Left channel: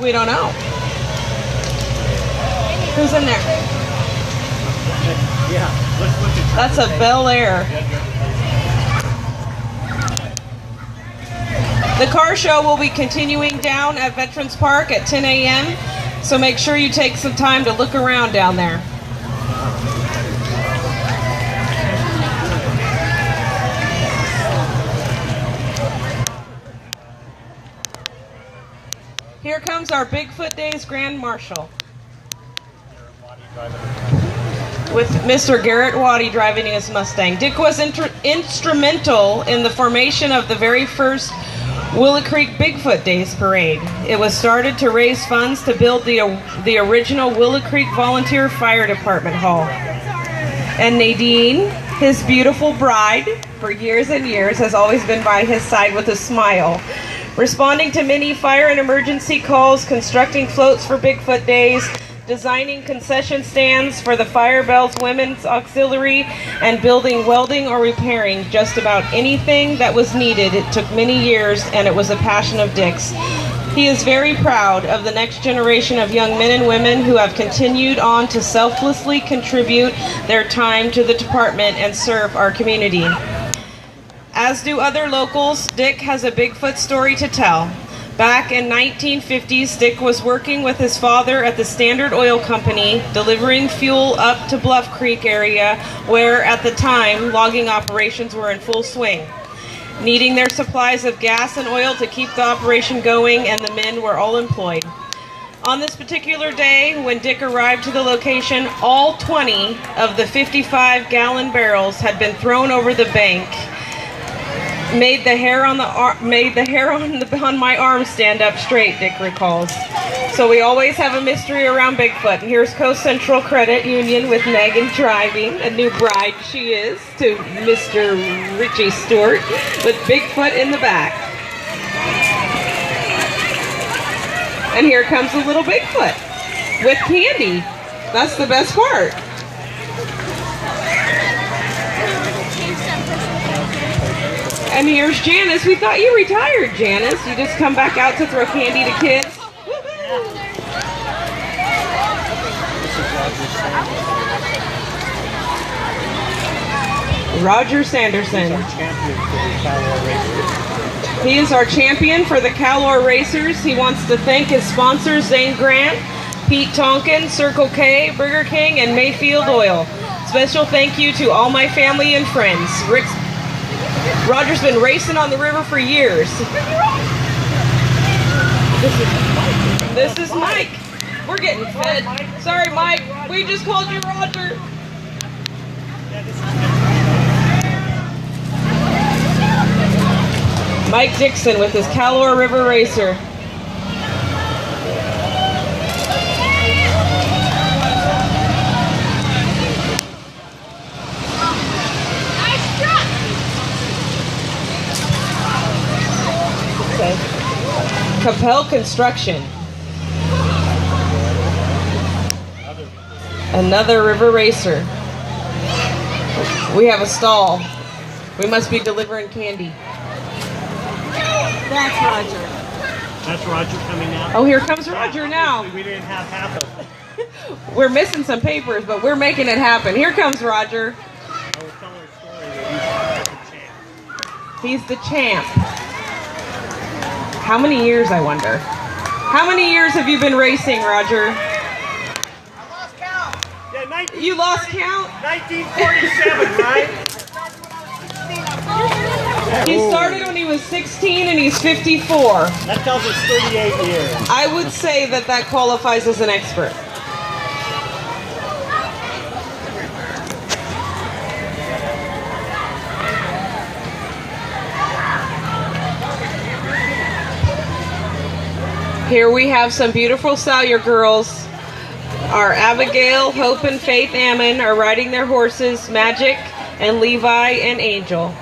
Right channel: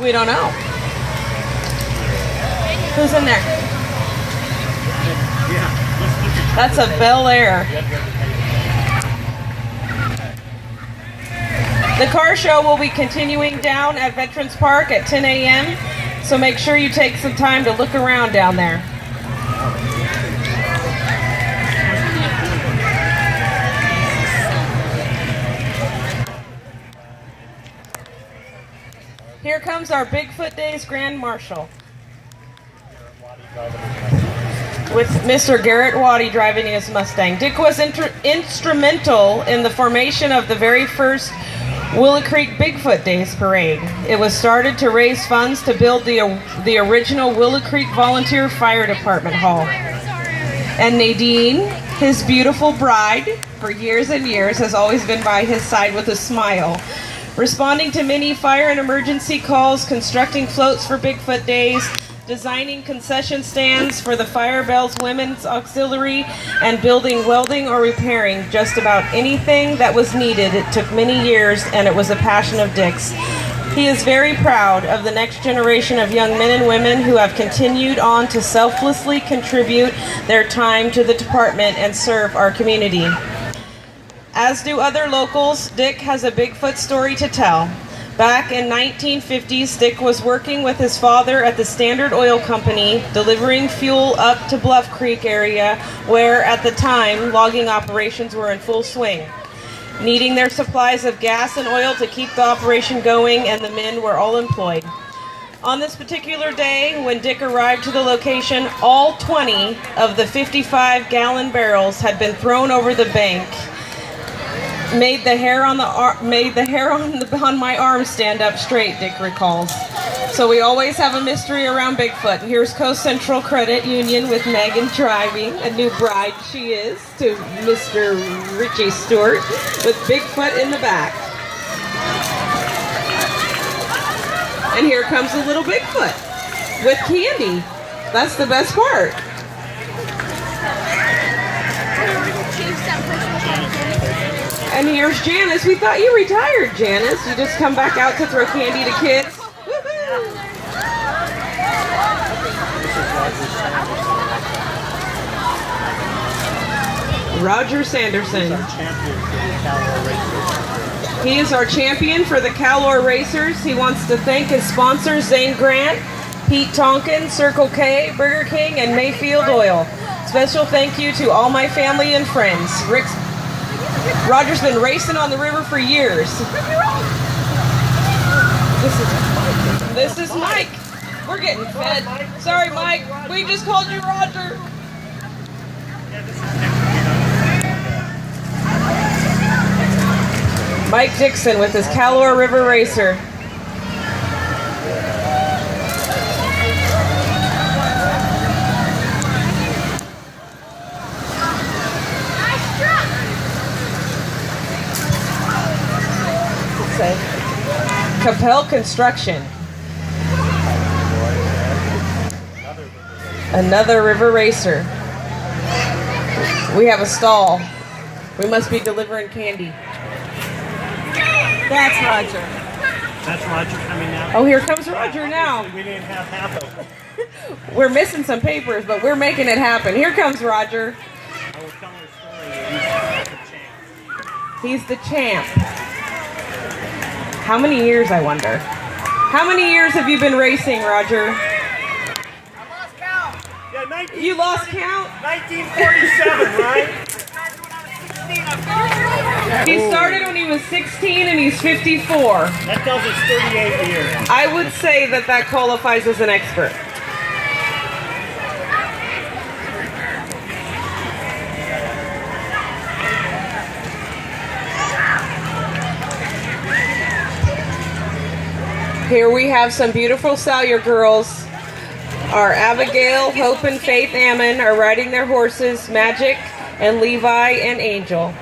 We don't know. Who's in there? Yeah, let's look at That's a Bel Air. The car show will be continuing down at Veterans Park at 10 a.m. So make sure you take some time to look around down there. Here comes our Bigfoot Days Grand Marshal with Mr. Garrett Waddy driving his Mustang. Dick was instrumental in the formation of the very first Willow Creek Bigfoot Days Parade. It was started to raise funds to build the original Willow Creek Volunteer Fire Department Hall. And Nadine, his beautiful bride, for years and years, has always been by his side with a smile. Responding to many fire and emergency calls, constructing floats for Bigfoot Days, designing concession stands for the Fire Bells Women's Auxiliary, and building, welding, or repairing just about anything that was needed. It took many years, and it was a passion of Dick's. He is very proud of the next generation of young men and women who have continued on to selflessly contribute their time to the department and serve our community. As do other locals, Dick has a Bigfoot story to tell. Back in 1950s, Dick was working with his father at the Standard Oil Company, delivering fuel up to Bluff Creek area, where at the time logging operations were in full swing, needing their supplies of gas and oil to keep the operation going, and the men were all employed. On this particular day, when Dick arrived to the location, all 20 of the 55-gallon barrels had been thrown over the bank. Made the hair on my arm stand up straight, Dick recalls. So we always have a mystery around Bigfoot. Here's Coast Central Credit Union with Megan driving, a new bride she is, to Mr. Richie Stewart, with Bigfoot in the back. And here comes the little Bigfoot with candy. That's the best part. And here's Janice. We thought you retired, Janice. You just come back out to throw candy to kids. Roger Sanderson. He is our champion for the Calor Racers. He wants to thank his sponsors, Zane Grant, Pete Tonkin, Circle K, Burger King, and Mayfield Oil. Special thank you to all my family and friends. Roger's been racing on the river for years. This is Mike. We're getting fed. Sorry, Mike. We just called you Roger. Mike Dixon with his Calor River Racer. Capel Construction. Another river racer. We have a stall. We must be delivering candy. That's Roger. That's Roger coming out. Oh, here comes Roger now. We didn't have half of it. We're missing some papers, but we're making it happen. Here comes Roger. I was telling a story that He's the champ. How many years, I wonder? How many years have you been racing, Roger? I lost count. Yeah, You lost count? 1947, right? He started when he was 16 and he's 54. That tells us 38 years. I would say that qualifies as an expert. Here we have some beautiful Salyer girls. Our Abigail, Hope, and Faith Ammon are riding their horses, Magic and Levi and Angel.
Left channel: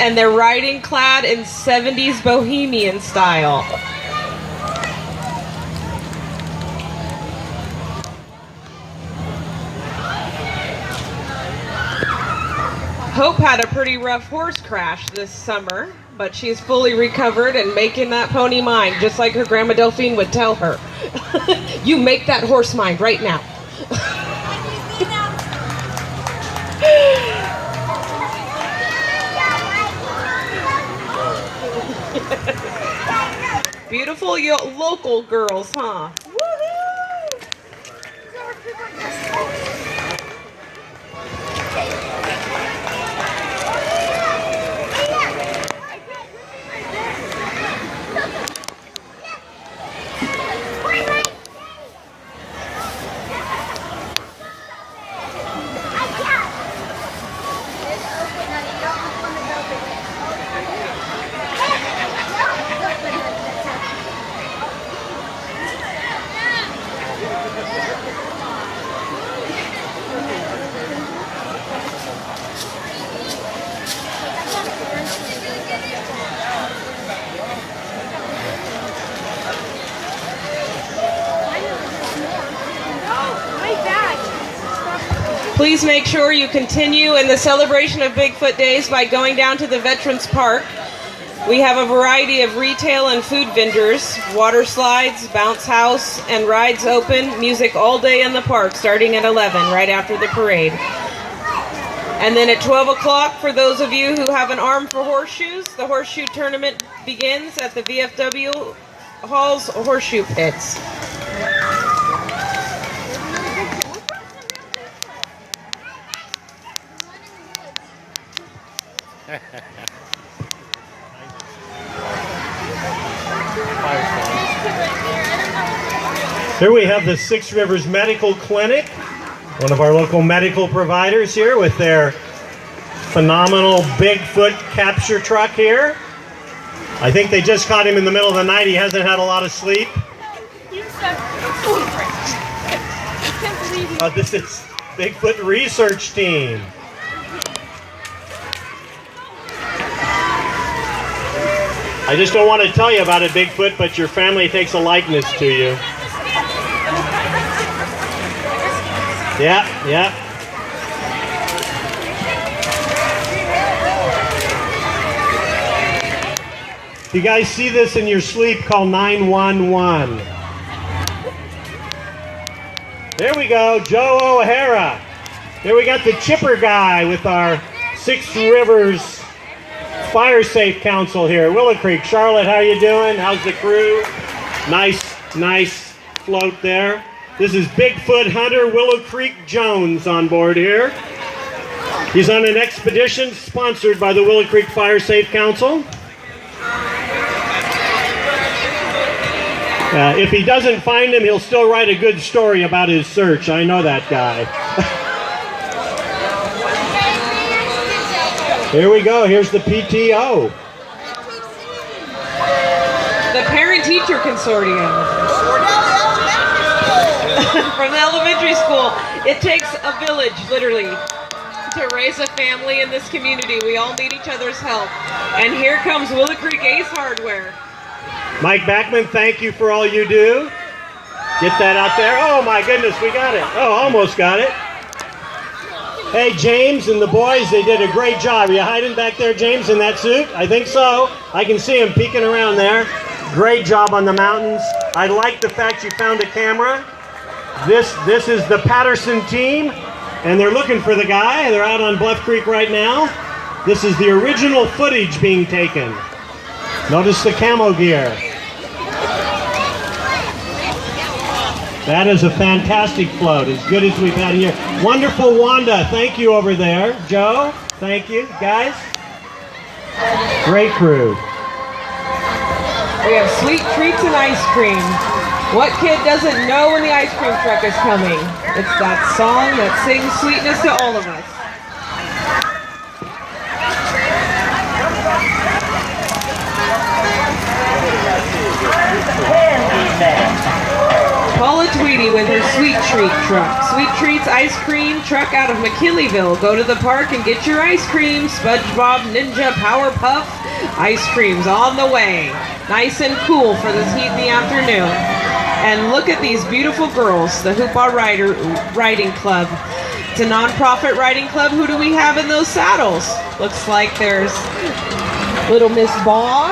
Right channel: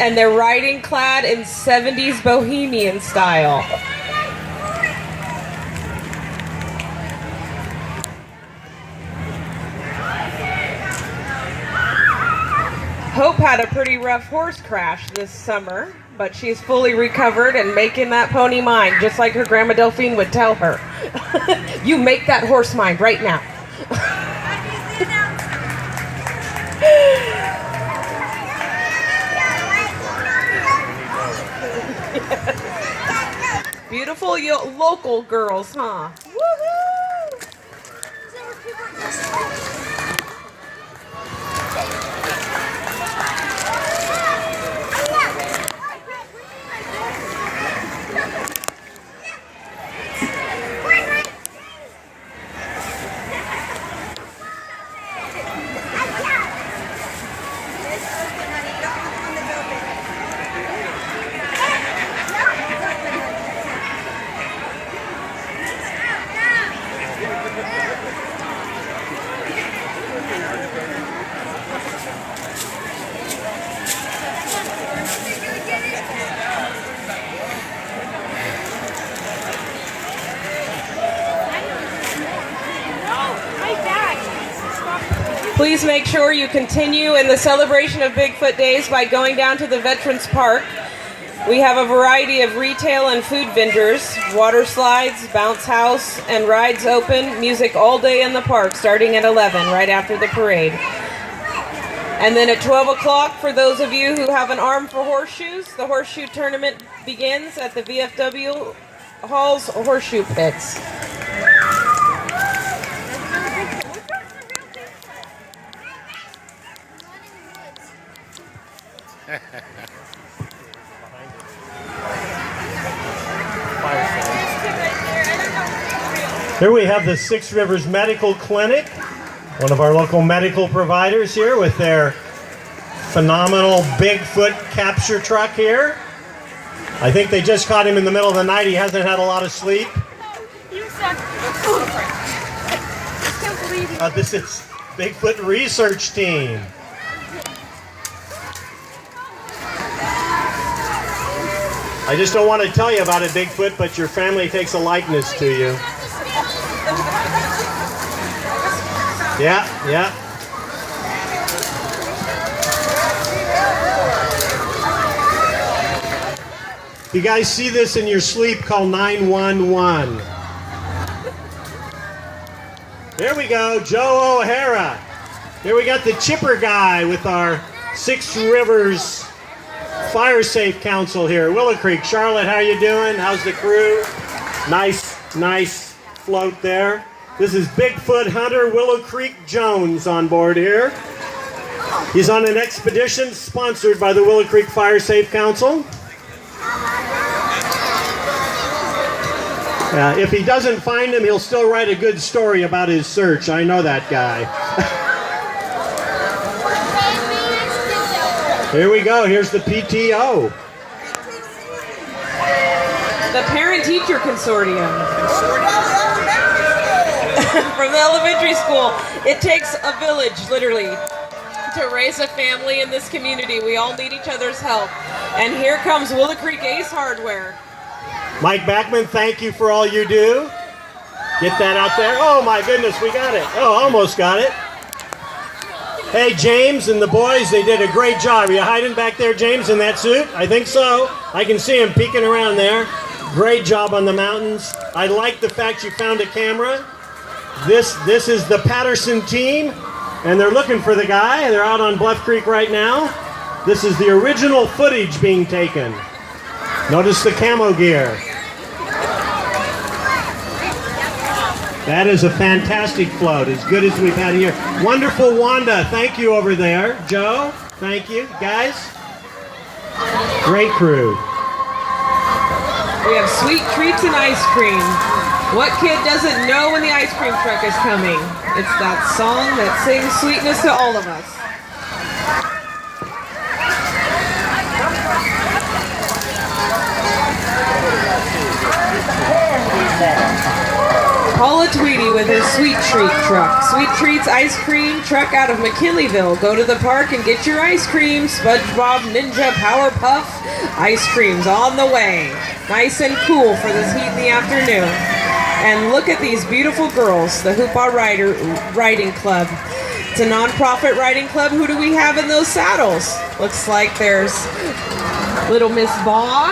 And they're riding clad in 70s bohemian style. Hope had a pretty rough horse crash this summer. but she's fully recovered and making that pony mine, just like her grandma Delphine would tell her. You make that horse mine right now. Beautiful local girls, huh? Woohoo! Please make sure you continue in the celebration of Bigfoot Days by going down to the Veterans Park. We have a variety of retail and food vendors, water slides, bounce house, and rides open, music all day in the park starting at 11, right after the parade. And then at 12 o'clock, for those of you who have an arm for horseshoes, the horseshoe tournament begins at the VFW Hall's horseshoe pits. Here we have the Six Rivers Medical Clinic, one of our local medical providers here with their phenomenal Bigfoot capture truck here. I think they just caught him in the middle of the night. He hasn't had a lot of sleep. This is Bigfoot research team. I just don't want to tell you about it, Bigfoot, but your family takes a likeness to you. Yeah. If you guys see this in your sleep, call 911. There we go, Joe O'Hara. Here we got the chipper guy with our Six Rivers Fire Safe Council here. Willow Creek. Charlotte, how you doing? How's the crew? Nice float there. This is Bigfoot hunter Willow Creek Jones on board here. He's on an expedition sponsored by the Willow Creek Fire Safe Council. If he doesn't find him, he'll still write a good story about his search. I know that guy. Here we go. Here's the PTO. The Parent-Teacher Consortium. From the elementary school. It takes a village, literally, to raise a family in this community. We all need each other's help. And here comes Willow Creek Ace Hardware. Mike Backman, thank you for all you do. Get that out there. Oh my goodness, we got it. Oh, almost got it. Hey, James and the boys, they did a great job. Are you hiding back there, James, in that suit? I think so. I can see him peeking around there. Great job on the mountains. I like the fact you found a camera. This is the Patterson team, and they're looking for the guy. They're out on Bluff Creek right now. This is the original footage being taken. Notice the camo gear. That is a fantastic float, as good as we've had here. Wonderful Wanda, thank you over there. Joe, thank you. Guys, great crew. We have sweet treats and ice cream. What kid doesn't know when the ice cream truck is coming? It's that song that sings sweetness to all of us. Paula Tweedy with her Sweet Treat truck. Sweet Treats ice cream truck out of McKinleyville. Go to the park and get your ice cream. SpongeBob Ninja Powerpuff ice creams on the way. Nice and cool for this heat in the afternoon. And look at these beautiful girls, the Hoopah Riding Club. It's a non-profit riding club. Who do we have in those saddles? Looks like there's Little Miss Baugh.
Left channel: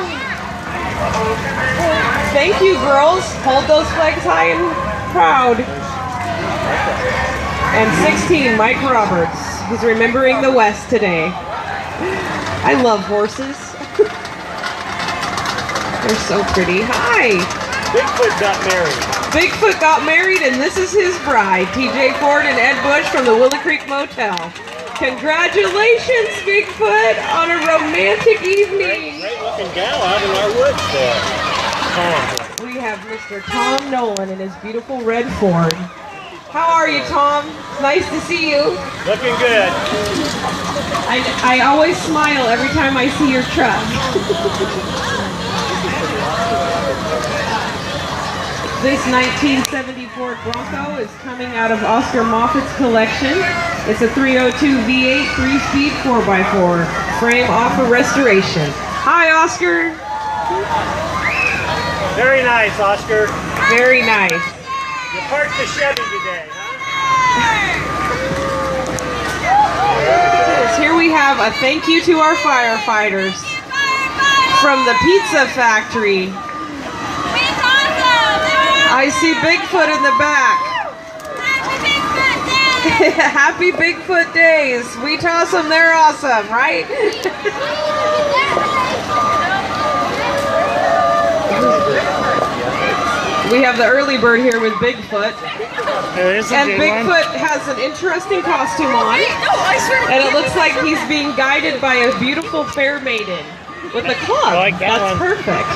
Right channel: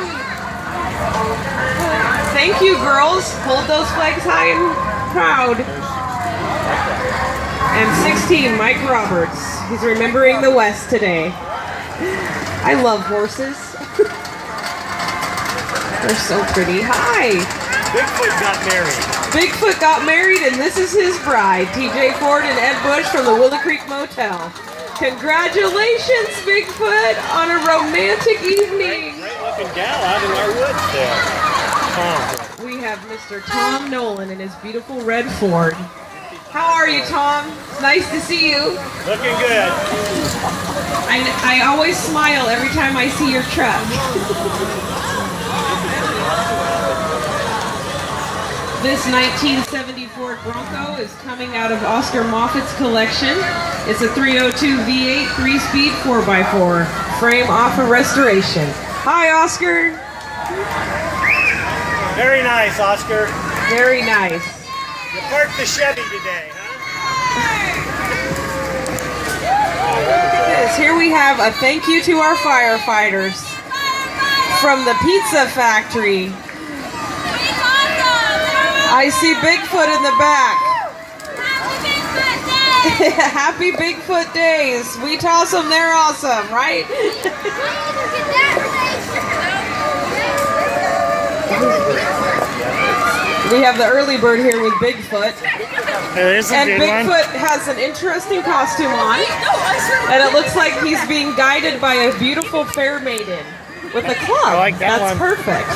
Thank you, girls. Hold those flags high and proud. And 16, Mike Roberts. He's remembering the West today. I love horses. They're so pretty. Hi. Bigfoot got married. Bigfoot got married, and this is his bride, TJ Ford and Ed Bush from the Willow Creek Motel. Congratulations, Bigfoot, on a romantic evening. Great looking gal out in our woods there. We have Mr. Tom Nolan in his beautiful red Ford. How are you, Tom? It's nice to see you. Looking good. I always smile every time I see your truck. This 1974 Bronco is coming out of Oscar Moffat's collection. It's a 302 V8 3-speed 4x4, frame off a restoration. Hi, Oscar. Very nice, Oscar. Very nice. You parked the Chevy today, huh? Here we have a thank you to our firefighters from the Pizza Factory. I see Bigfoot in the back. Happy Bigfoot Days. We toss them, they're awesome, right? We have the early bird here with Bigfoot. There is a and big Bigfoot one. has an interesting costume on. And it looks like he's being guided by a beautiful fair maiden with a club. I like that That's one. perfect.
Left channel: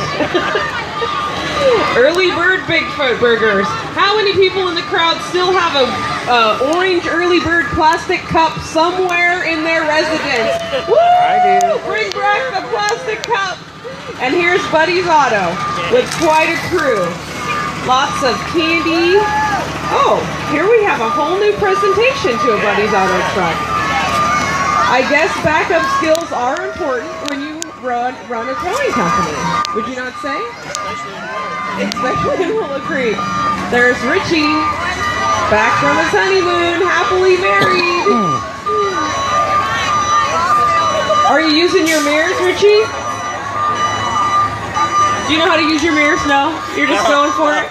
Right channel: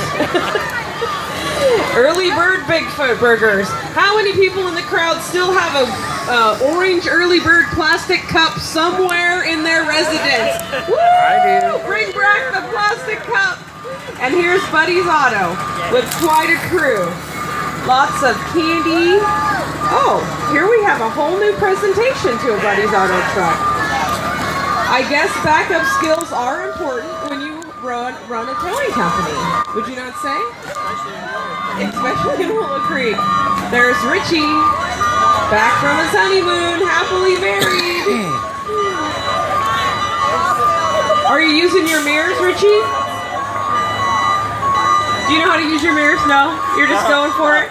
Early bird Bigfoot burgers. How many people in the crowd still have a orange early bird plastic cup somewhere in their residence? Woo! I do. Bring back the plastic cup. And here's Buddy's Auto with quite a crew. Lots of candy. Oh, here we have a whole new presentation to a Buddy's Auto truck. I guess backup skills are important when you run a towing company. Would you not say? Especially in Willow Creek. There's Richie, back from his honeymoon, happily married. Are you using your mirrors, Richie? Do you know how to use your mirrors? No? You're just going for it?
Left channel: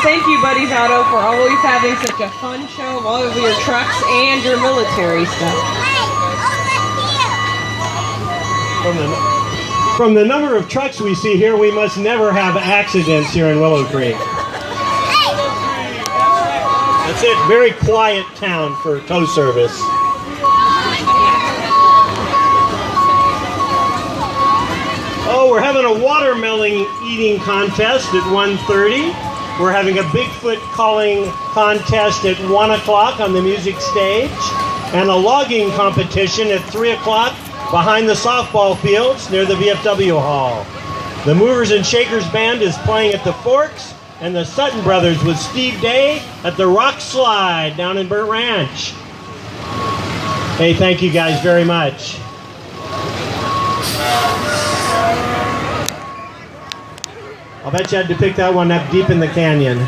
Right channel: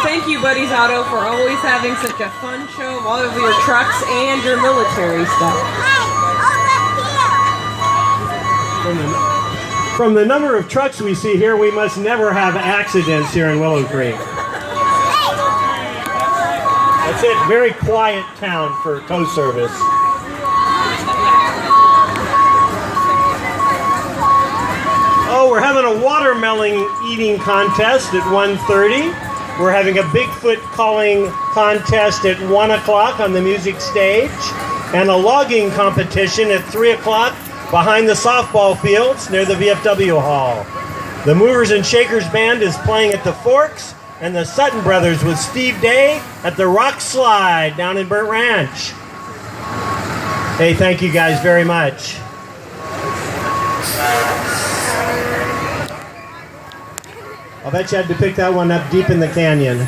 Thank you, Buddy's Auto, for always having such a fun show of all of your trucks and your military stuff. From the number of trucks we see here, we must never have accidents here in Willow Creek. That's it. Very quiet town for tow service. Oh, we're having a watermelon eating contest at 1:30. We're having a Bigfoot calling contest at 1 o'clock on the music stage, and a logging competition at 3 o'clock behind the softball fields near the VFW Hall. The Movers and Shakers Band is playing at the Forks, and the Sutton Brothers with Steve Day at the Rock Slide down in Burnt Ranch. Hey, thank you guys very much. I'll bet you had to pick that one up deep in the canyon.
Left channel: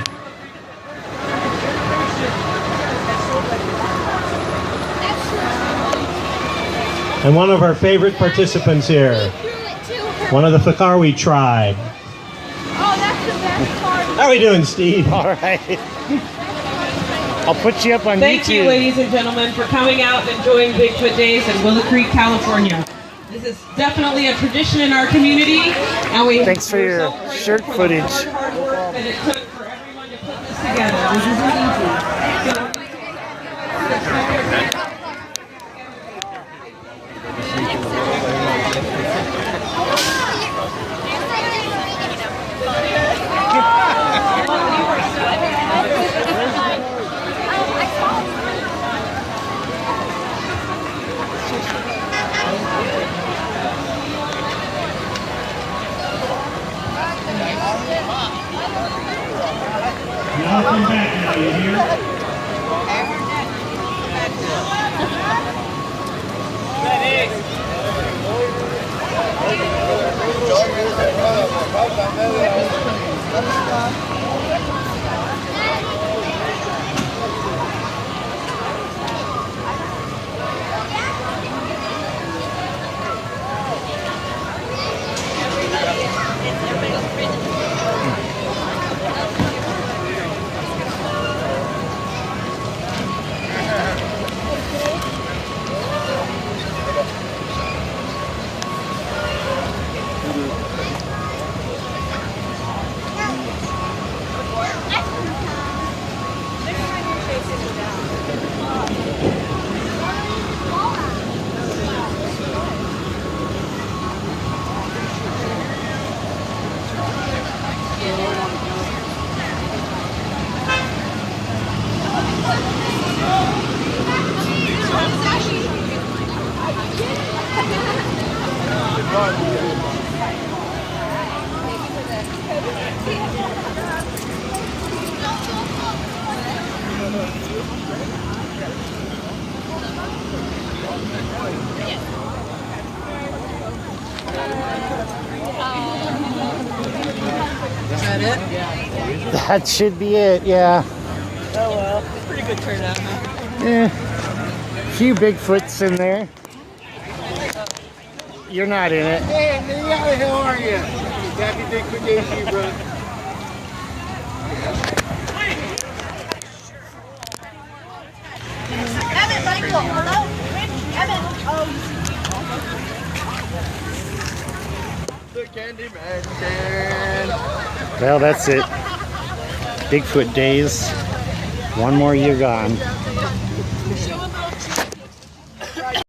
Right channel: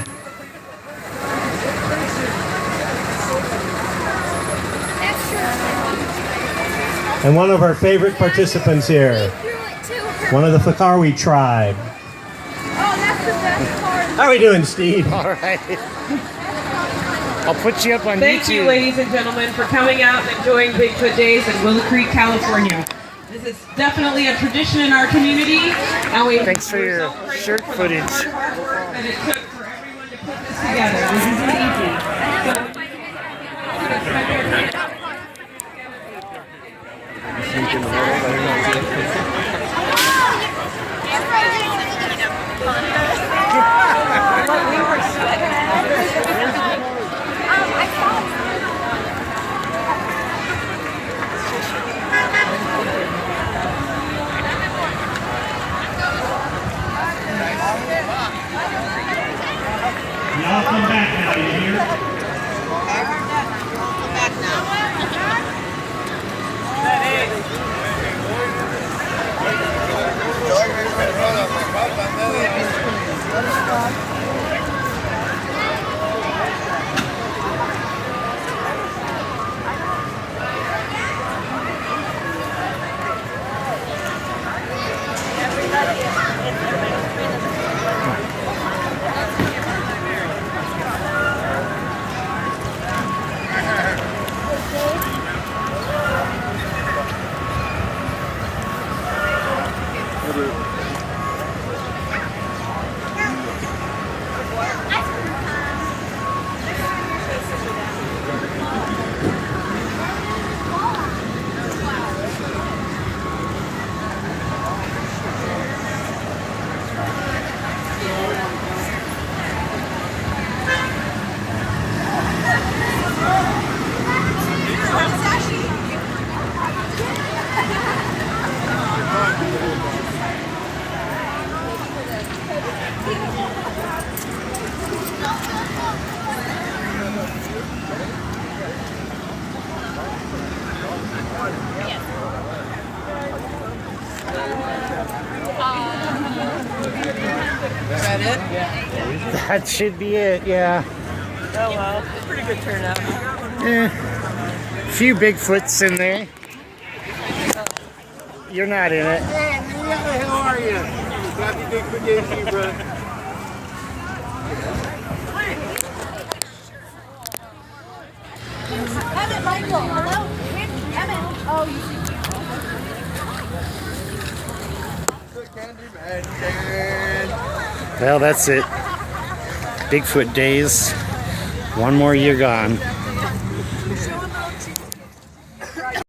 And one of our favorite participants here, one of the Fakawi tribe. How are we doing, Steve? All right. I'll put you up on Thank YouTube. you, ladies and gentlemen, for coming out and enjoying Bigfoot Days in Willow Creek, California. This is definitely a tradition in our community, and Thanks for we're your so grateful shirt for the footage. hard work that it took for everyone to put this together. This isn't easy. Welcome back, Is that it? That should be it, yeah. Oh well, pretty good turnout. Few Bigfoots in there. You're not in it. Hey, man, how the hell are you? Happy Bigfoot Days to you, bro. Evan, Michael, hello? Evan, oh, The Candyman can. Well, that's it. Bigfoot Days. One more year gone.